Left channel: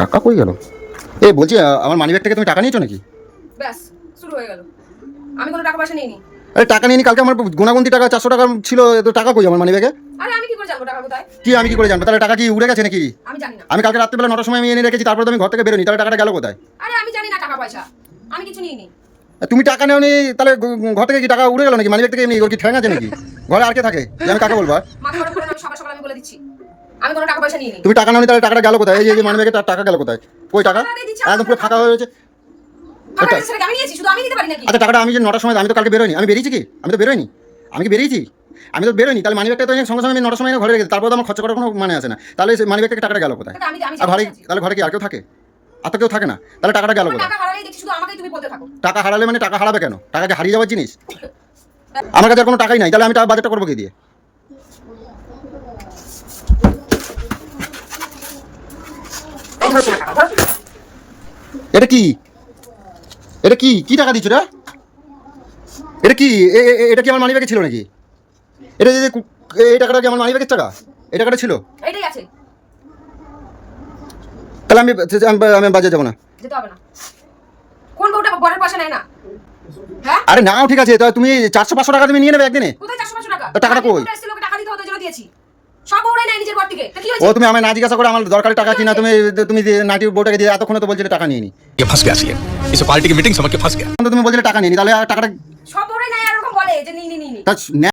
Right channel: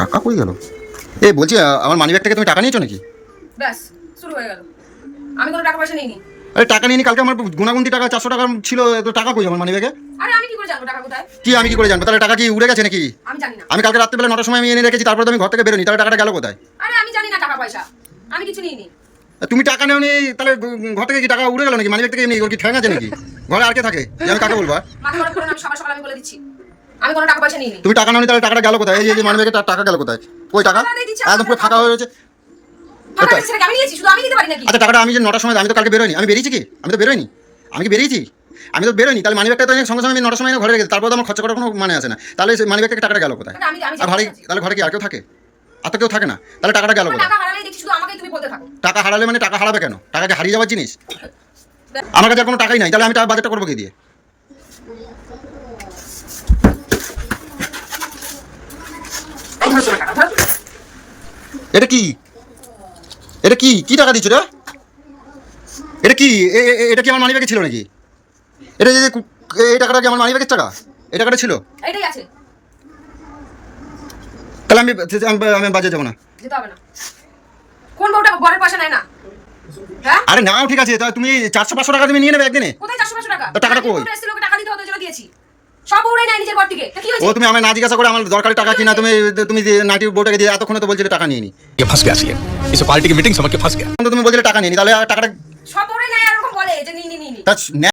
টাকা কই গেল? এ বলছি আমার মানিব্যাগ থেকে তুমি টাকা নিয়েছো নাকি? ব্যাস শুরু হয়ে গেল। আমি কোনো টাকা পয়সা নিইনি। আরে টাকা নিয়ে কালকে আমার গুনাগুন্তি টাকা 400 টাকা ছিল, তো টাকা কই আমার মানিব্যাগে? আরে আমি কি করে জানবো টাকা কোথায়? কি আমি কি করে জানবো? তাহলে টাকা কি উড়ে গেছে নাকি? আমি জানি না। আমি কালকে রাত্রিবেলা 9টার সময় আমি এনে রেখেছি, তারপরে তো আমি ঘর থেকে বেরোনি, তাহলে টাকাটা গেল কোথায়? আরে আমি জানি না টাকা পয়সা। আমি কিছু নিইনি। তুমি টাকা নেওনি, তাহলে ঘর থেকে কি টাকা উড়ে গেল নাকি? মানিব্যাগ থেকে এমনি ওর কি ঠ্যাং আছে নাকি? ঘরে আর কে থাকে যে আমি কাকে বলবো? মাথা গরম করে না, আমি সকাল সকাল আমি বলে দিচ্ছি। আমি কোনো টাকা পয়সা নিইনি। তুমি টাকা নেওনি, তাহলে টাকাটা গেল কোথায়? এই যে মানিব্যাগে টাকা গেল কোথায়? কই টাকা? একদম পুরো ফাঁকা হয়ে রয়েছে। টাকা দিচ্ছি নাকি? আমি নিয়েছি, শুধু আমি দিতে পারি নাকি? আচ্ছা টাকাটা আমি যে 9টার সময়, আমি তো কালকে বেরোয়নি, আমি বেরিয়েছি কি? আমি তো বেরোয়নি। আমি কি বেরিয়েছি? আমি তো বেরোয়নি, তাহলে মানিব্যাগটা তো সঙ্গে সঙ্গে আমি 9টার সময় ঘরে রেখেছি, তারপর তো আমার খরচা করার কোনো মানে আসে না। তাহলে মানিব্যাগ থেকে টাকাটা গেল কোথায়? এটা আমি আর ভারী, তাহলে ঘরে কি আর কেউ থাকে? আর তো কেউ থাকে না, তাহলে টাকাটা গেল কোথায়? টাকা হারালেই দেখছি শুধু আমাকেই তুমি বলতে থাকো। টাকা হারালে মানে টাকা হারাবে কেন? টাকা কি হারিয়ে যাওয়ার জিনিস? আমার কাছে আর কোনো টাকাই নাই, তাহলে আমি বাজেটটা করবো কি দিয়ে? এটা কি? এটা কি কি টাকা দিচ্ছ রে? এটা কি? এটা কি আমার মানিব্যাগে ছিল নাকি? এটা যে এই টাকাটা কি আমার মানিব্যাগের টাকা? এই টাকাটা ছিল? এইটাই আছে। তাহলে আমি বাজে যাবো না। যেতে হবে না। কোন বউটা বরের পয়সা নেয় না? হ্যাঁ? আরে নাও, ঠিক আছে, তাহলে তুমি 400-500 টাকা তুমি নিয়ে নেবে একদিনে। কোথায় 400-500 টাকা? তা টাকাটা কই? এসেছিল, ওকে টাকা দিতে হতো, এজন্য দিয়েছি। সব বউরাই নাই নিজের বর থেকে। তো কি ও হয়েছে? তুমি আমায় না জিজ্ঞাসা করে আমার দরকারি টাকা কিনা তুমি তুমি নাটির বউটাকে দিয়ে এতক্ষণে তো বলছিলে টাকা নিয়ে নি। ये फंस गया सी इस पार्टी की मीटिंग समझ के फंस गया। তুমি বলছিলে টাকা নিয়ে নি, তাহলে টাকাটা সব বউরাই নাই এরকম বলে যে নি নি নি নি। তা